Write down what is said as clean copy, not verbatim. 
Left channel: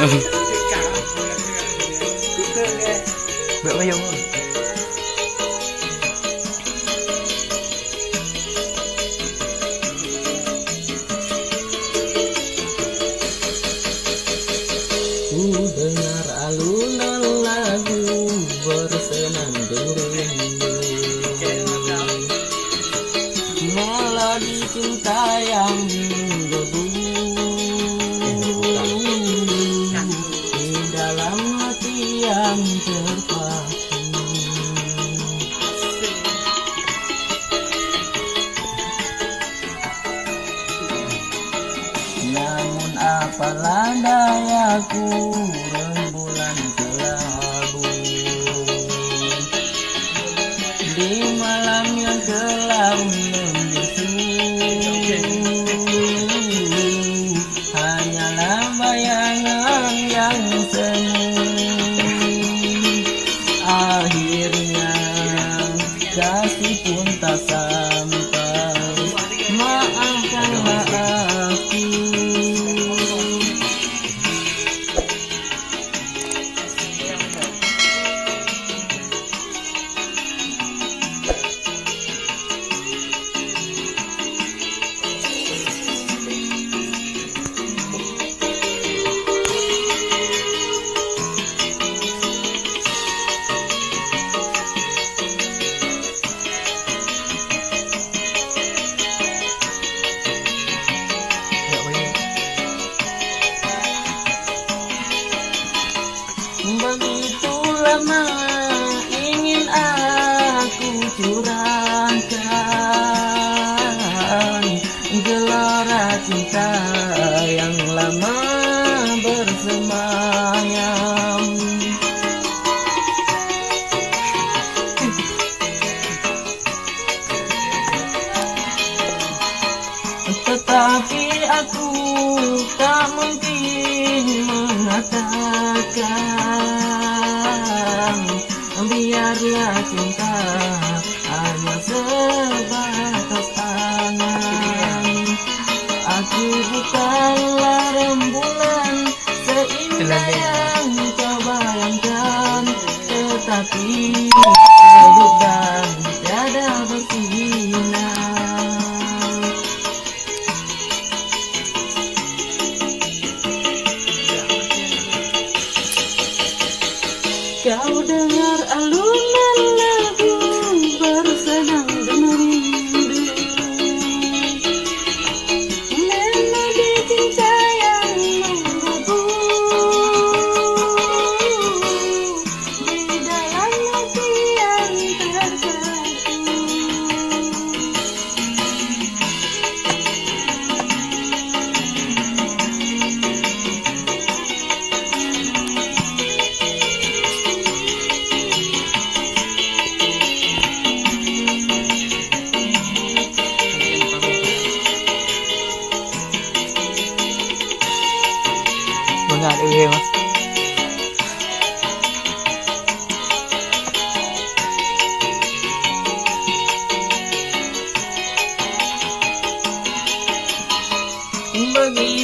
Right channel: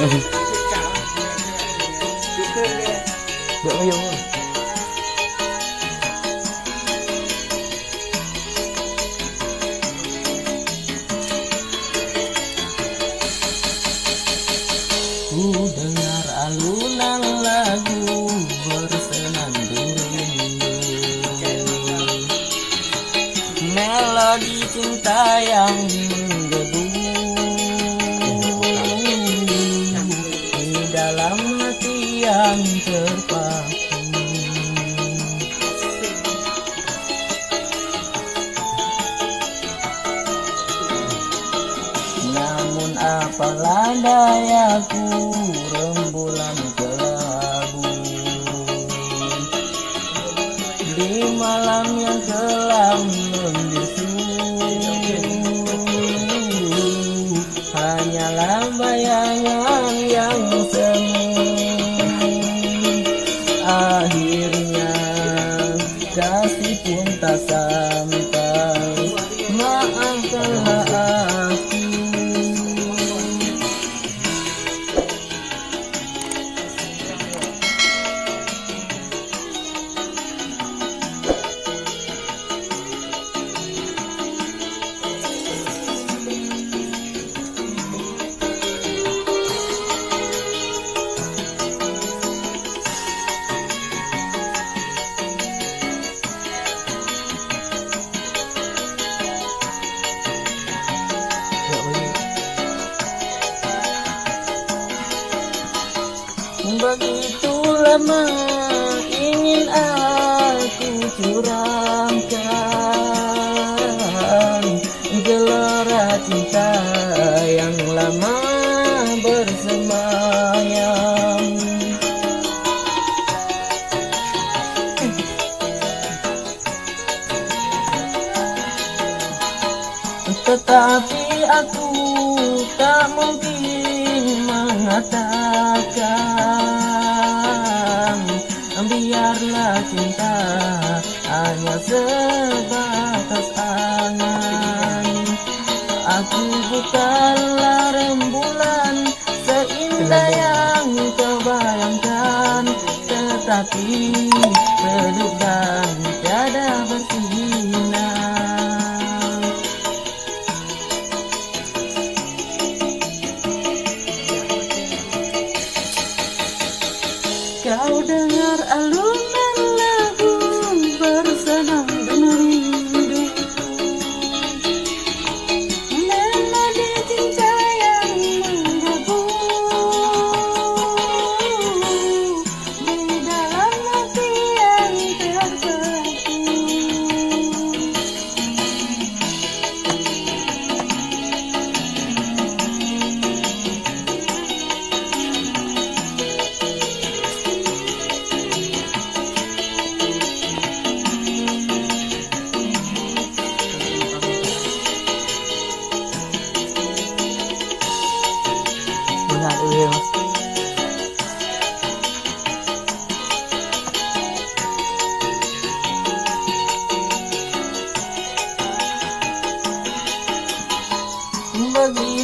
Bữa bao nhiêu Ku dengar alunan lagu bersenandung rindu, melodi cinta yang menggebu di dalam hati yang terpaku. Namun apalah dayaku, rembulan kelabu di malam yang kelam membisu. Hanyalah bayangan yang semu. Akhirnya kasih pun tak sampai. Maafkanlah aku. Begitu lama ingin aku curahkan gelora cinta yang lama bersemayam. Tetapi aku tak mungkin mengatakan biarlah cinta hanya sebatas angan. Aku bukanlah rembulan seindah yang kau bayangkan, tetapi redup dan tiada bersinar. Kau dengar alunan lagu bersenandung rindu, melodi cinta yang menggebu di dalam hati yang terpaku. Benar iya mas. Begitu